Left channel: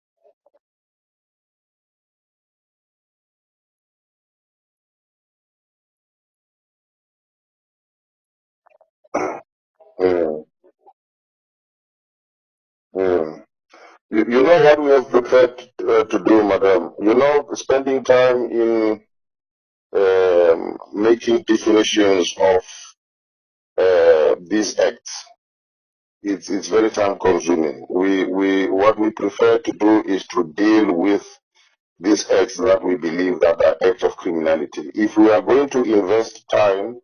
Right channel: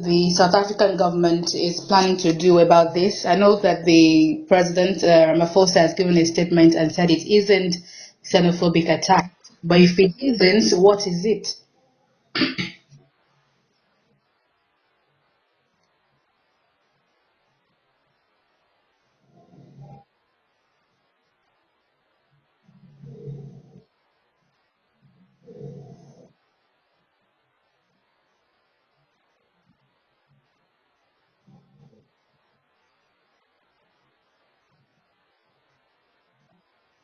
the South African government is planning to do about this? I know that the president, Ramaphosa, has given a statement and said it isn't xenophobic attack. But if it isn't, what is it? You know what we have prepared to do, madam? You know, spending time in making definitions of these acts, it's very time consuming. What we prefer to do is to deal with these acts that we believe that are acts of criminality. If we are going to invest time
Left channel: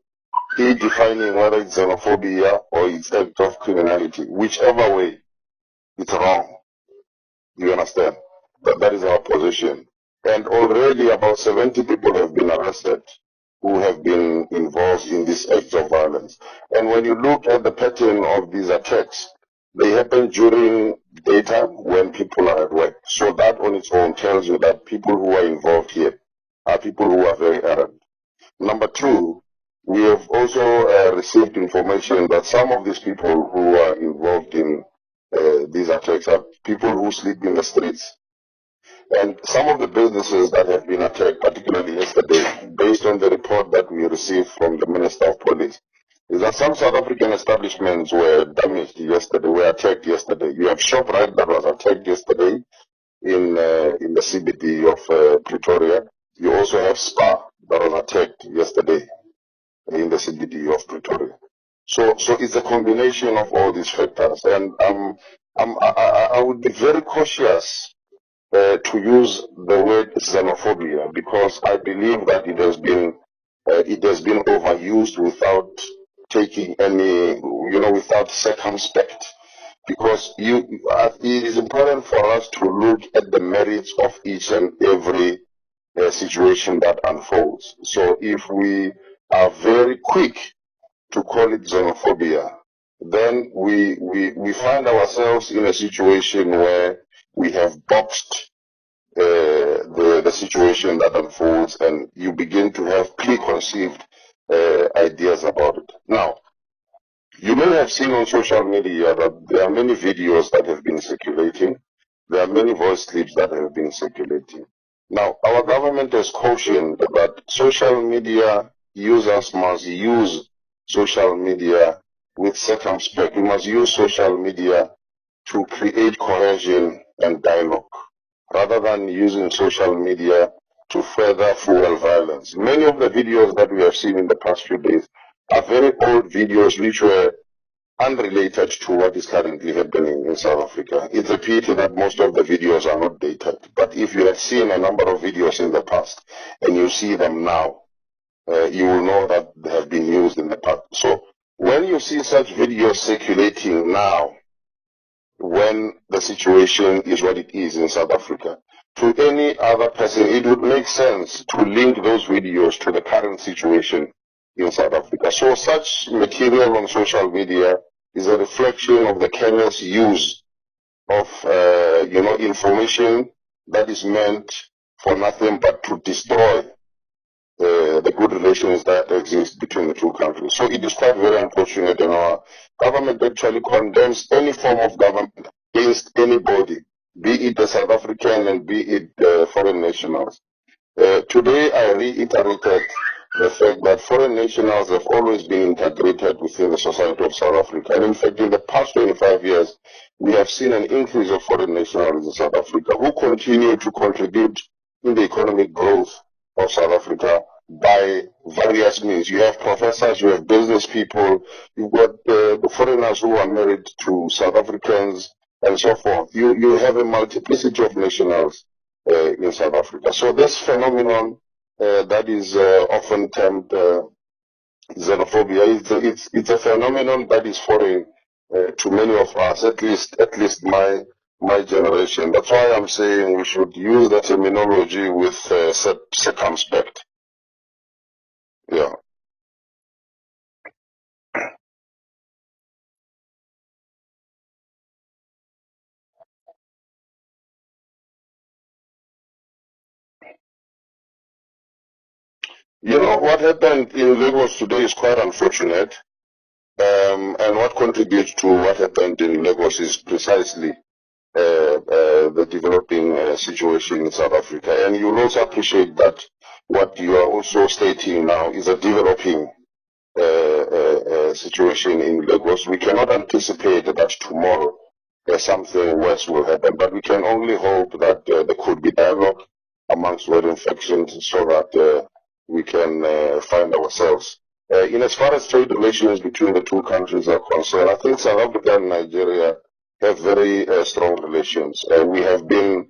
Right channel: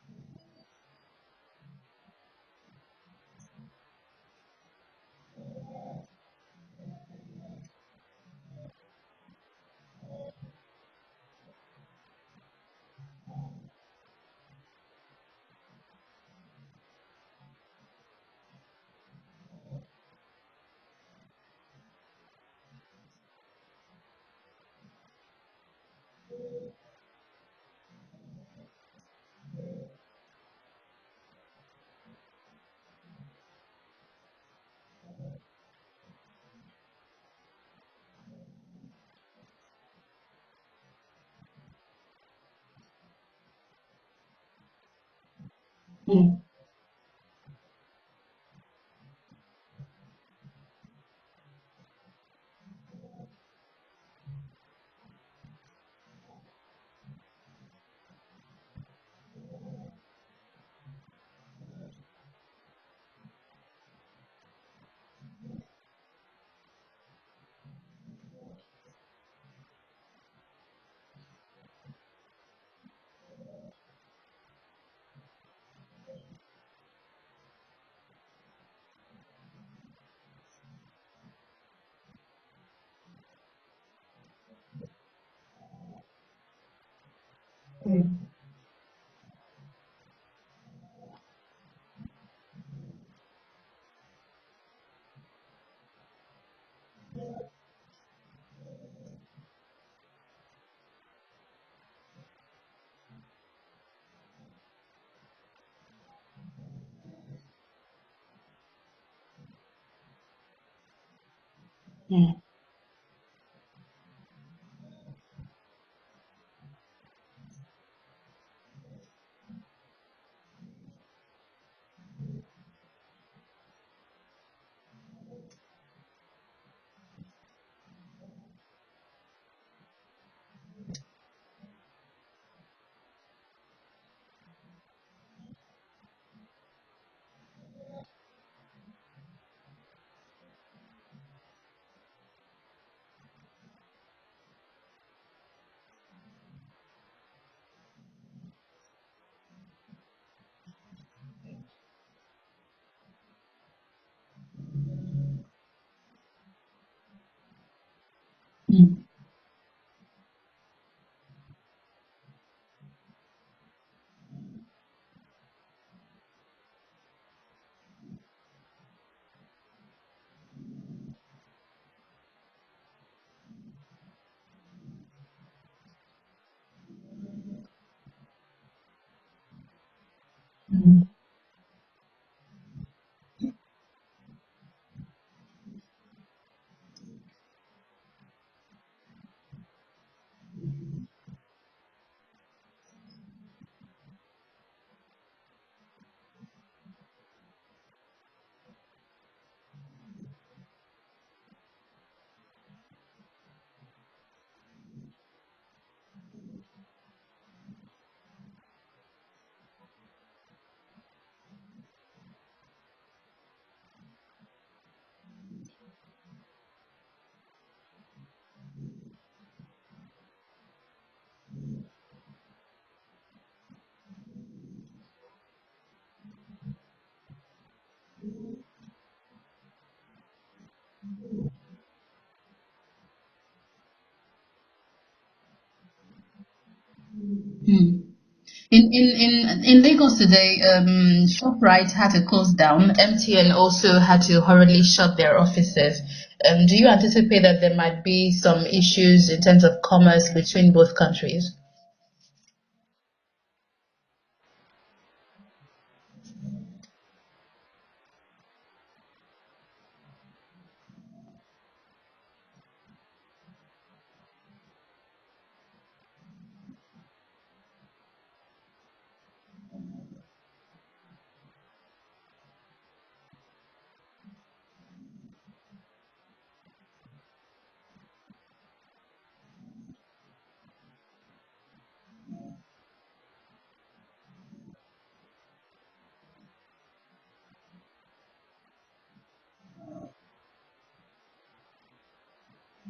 in defining whether it's xenophobia or it's act of criminality, whichever way, it's wrong. You understand? That is our position. And already about 70 people have been arrested who have been involved in this act of violence. And when you look at the pattern of these attacks, they happen during daytime when people are at work. So that on its own tells you that people who are involved here are people who are very errant. Number two, we have also received information that some of these people who are involved in these attacks are people who sleep in the streets. And some of the businesses that have been attacked, particularly yesterday, based on the report that we received from the Minister of Police, is that some South African establishments were damaged yesterday, were attacked yesterday. You have ShopRite that was attacked yesterday in the CBD of Pretoria. You also have Spa that was attacked yesterday in the CBD of Pretoria. So it's a combination of all these factors, and I would be very cautious to use the word xenophobia, because I believe that it has been overused without taking any, without circumspect. Because it is important for us to look at the merits of each and every situation that unfolds. So if we are very quick to call it xenophobia, then we find ourselves in a situation where we have boxed the situation that unfolds, and you begin to have preconceived ideas about it. Now, you may have seen on social media that there are many videos that have been circulating. There are many voice clips that have been circulating. Now, our government has cautioned that social media users must use social media with circumspect. We must use social media to create cohesion and dialogue, rather than using social media to further fuel violence. Many of the videos that we have seen in the past few days are very old videos which were unrelated to what is currently happening in South Africa. It's a pity that most of the videos are not dated, but if you have seen a number of videos in the past and you see them now, you will know that they have been used in the past. So when you see such videos circulating now, when the situation is what it is in South Africa, to any other person, it would make sense to link those videos to the current situation in South Africa. So such material on social media is a reflection of the careless use of information that is meant for nothing but to destroy the good relations that exist between the two countries. So it is quite very unfortunate, and our government actually condemns any form of government against anybody, be it the South African and be it foreign nationals. Today I reiterated the fact that foreign nationals have always been integrated within the society of South Africa. And in fact, in the past 25 years, we have seen an increase of foreign nationals in South Africa who continue to contribute in the economic growth of South Africa by various means. You have professors, you have business people, you've got the foreigners who are married to South Africans, and so forth. You have a multiplicity of nationals in South Africa. So this phenomenon that is often termed xenophobia, it's a phenomenon that is foreign to many of us, at least my generation. That's why I'm saying we should use the terminology with circumspect. In Lagos today, ShopRite had to close down. MTN also had to hurriedly shut their offices. Do you anticipate that there might be some issues in terms of commerce between both countries? You know, what happened in Lagos today is quite unfortunate. And what contributes to what happened in Lagos is precisely the developing situation in South Africa. And you'll also appreciate that what you are also stating now is a developing situation in Lagos. We cannot anticipate that tomorrow something worse will happen, but we can only hope that there could be dialogue amongst world factions so that we can find ourselves. In as far as trade relations between the two countries are concerned, I think South Africa and Nigeria have very strong relations. We have been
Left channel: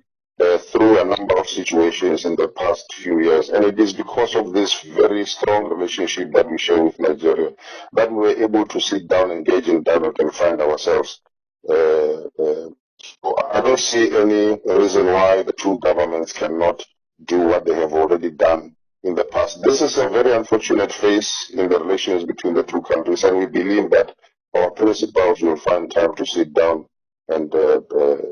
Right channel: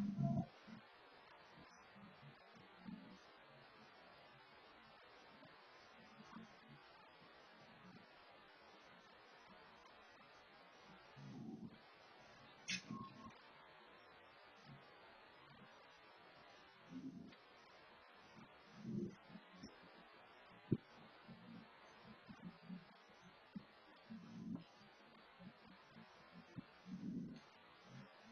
through a number of situations in the past few years, and it is because of this very strong relationship that we share with Nigeria that we were able to sit down, engage in dialogue, and find ourselves. I don't see any reason why the two governments cannot do what they have already done in the past. This is a very unfortunate phase in the relations between the two countries, and we believe that our principals will find time to sit down and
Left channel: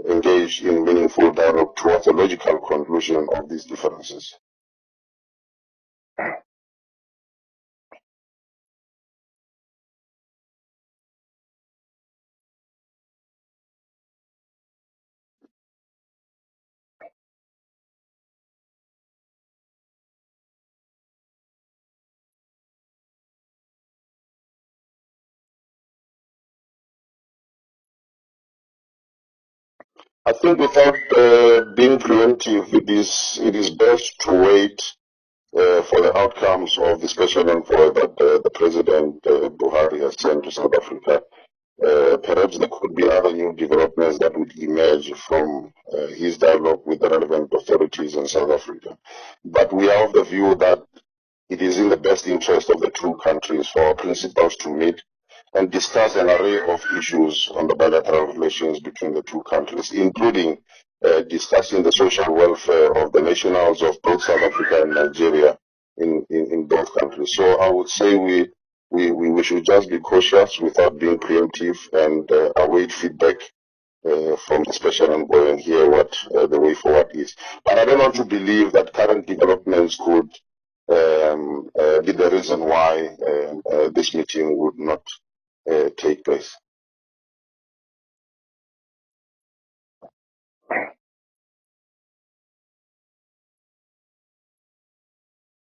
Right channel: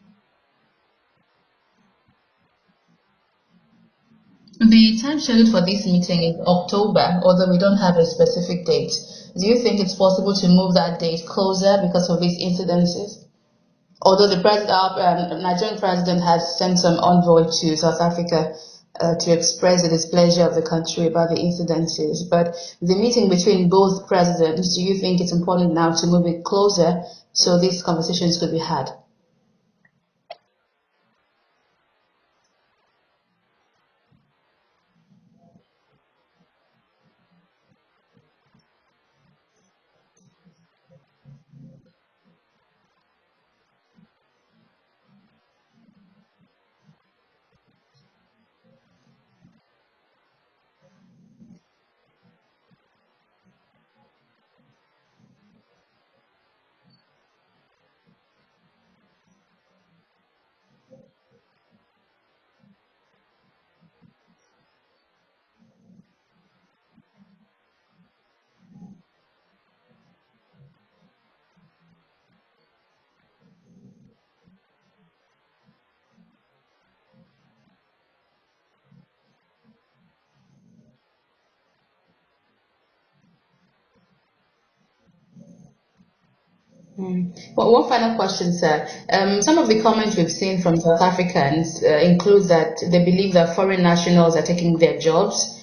engage in meaningful dialogue towards a logical conclusion of these differences. The time scheduled for this meeting is October, although we don't have a specific date. Do you think it's possible to move that date closer because of these incidences? Although the Nigerian president has sent some envoy to South Africa to express the displeasure of the country about the incidences, but the meeting between both presidents, do you think it's important now to move it closer so these conversations could be had? I think without being preemptive, it is best to wait for the outcomes of the special envoy that the President Buhari has sent to South Africa. Perhaps there could be other new developments that would emerge from his dialogue with the relevant authorities in South Africa. But we are of the view that it is in the best interest of the two countries for our principals to meet and discuss an array of issues on the bilateral relations between the two countries, including discussing the social welfare of the nationals of both South Africa and Nigeria in both countries. So I would say we should just be cautious without being preemptive and await feedback from the special envoy and hear what the way forward is. But I don't want to believe that current developments could be the reason why this meeting would not take place. Well, one final question, sir. Some of the comments we've seen from South Africans include that they believe that foreign nationals are taking their jobs,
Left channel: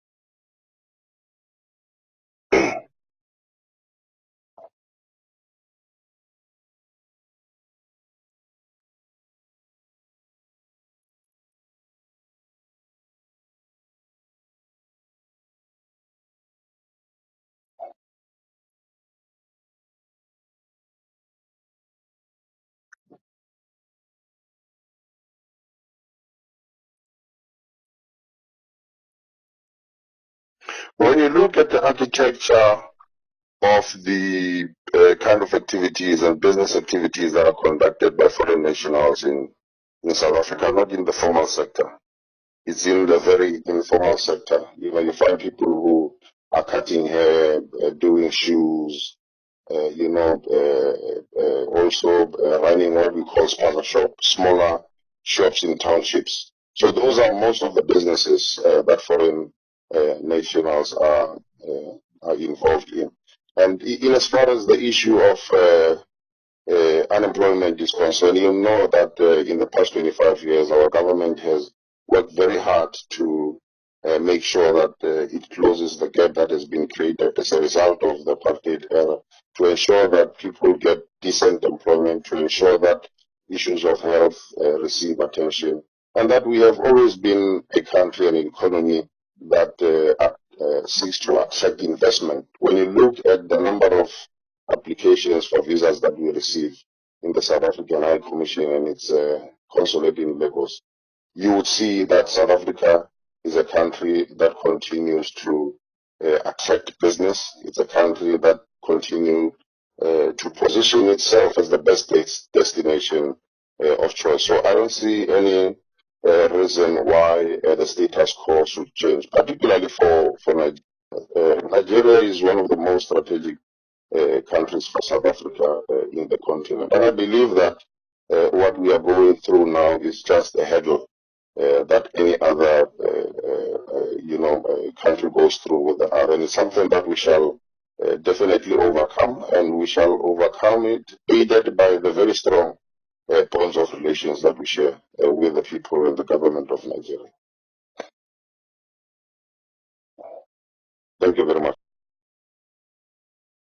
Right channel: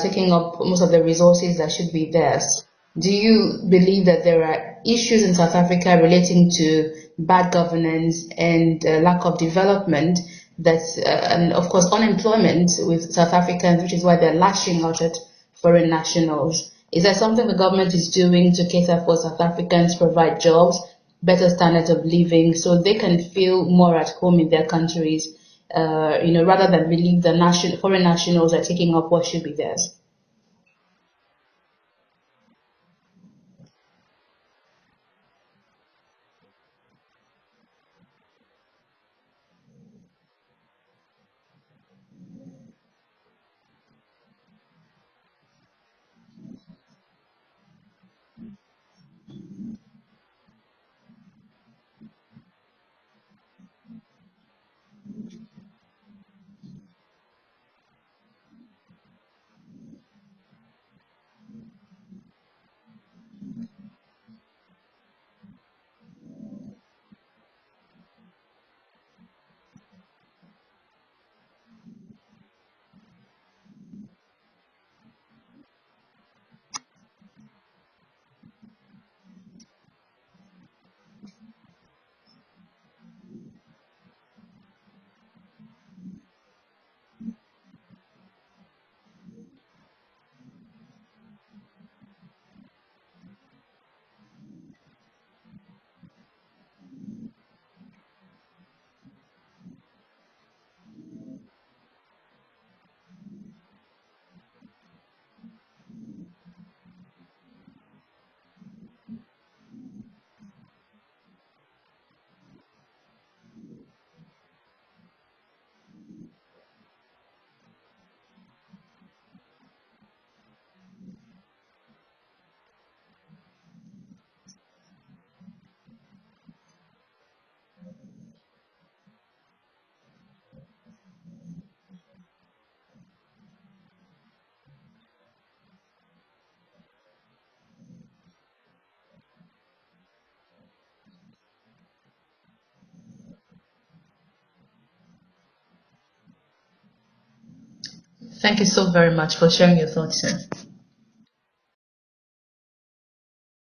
taking up most of the resources that should be theirs. Do you believe that there are issues in South Africa relating to bad governance and lack of development, and of course unemployment with South Africans, which is why they're lashing out at foreign nationals? Is there something the government is doing to cater for South Africans, provide jobs, better standards of living, so they can feel more at home in their countries, rather than believe the foreign nationals are taking up what should be theirs? When you look at the architecture of the kind of activities and business activities that are conducted by foreign nationals in South Africa, not in the formal sector, it's in the very informal sector. You find people who are cutting hair, doing shoes, also running what we call spaza shops, smaller shops in townships. So those are most of the businesses that foreign nationals are involved in. And in as far as the issue of unemployment is concerned, you know that in the past 25 years, our government has worked very hard to make sure that it closes the gap that has been created as a result of the apartheid era, to ensure that people get decent employment, to ensure that issues of health receive attention, and that we have always been a country and an economy that seeks to attract investment. When you look at the number of applications for visas that we receive in the South African High Commission and its consulate in Lagos, you would see that South Africa is a country that continues to attract business. It's a country that continues to position itself as the best destination of choice. So I don't see any reason why the status quo should change, particularly for Nigeria. Nigeria is one of the most strategic countries for South Africa in the continent. And I believe that what we are going through now is just a hurdle that any other country goes through with the other. And it's something that we shall definitely overcome, and we shall overcome it aided by the very strong bonds of relations that we share with the people and the government of Nigeria. Thank you so very much for sharing your thoughts, sir.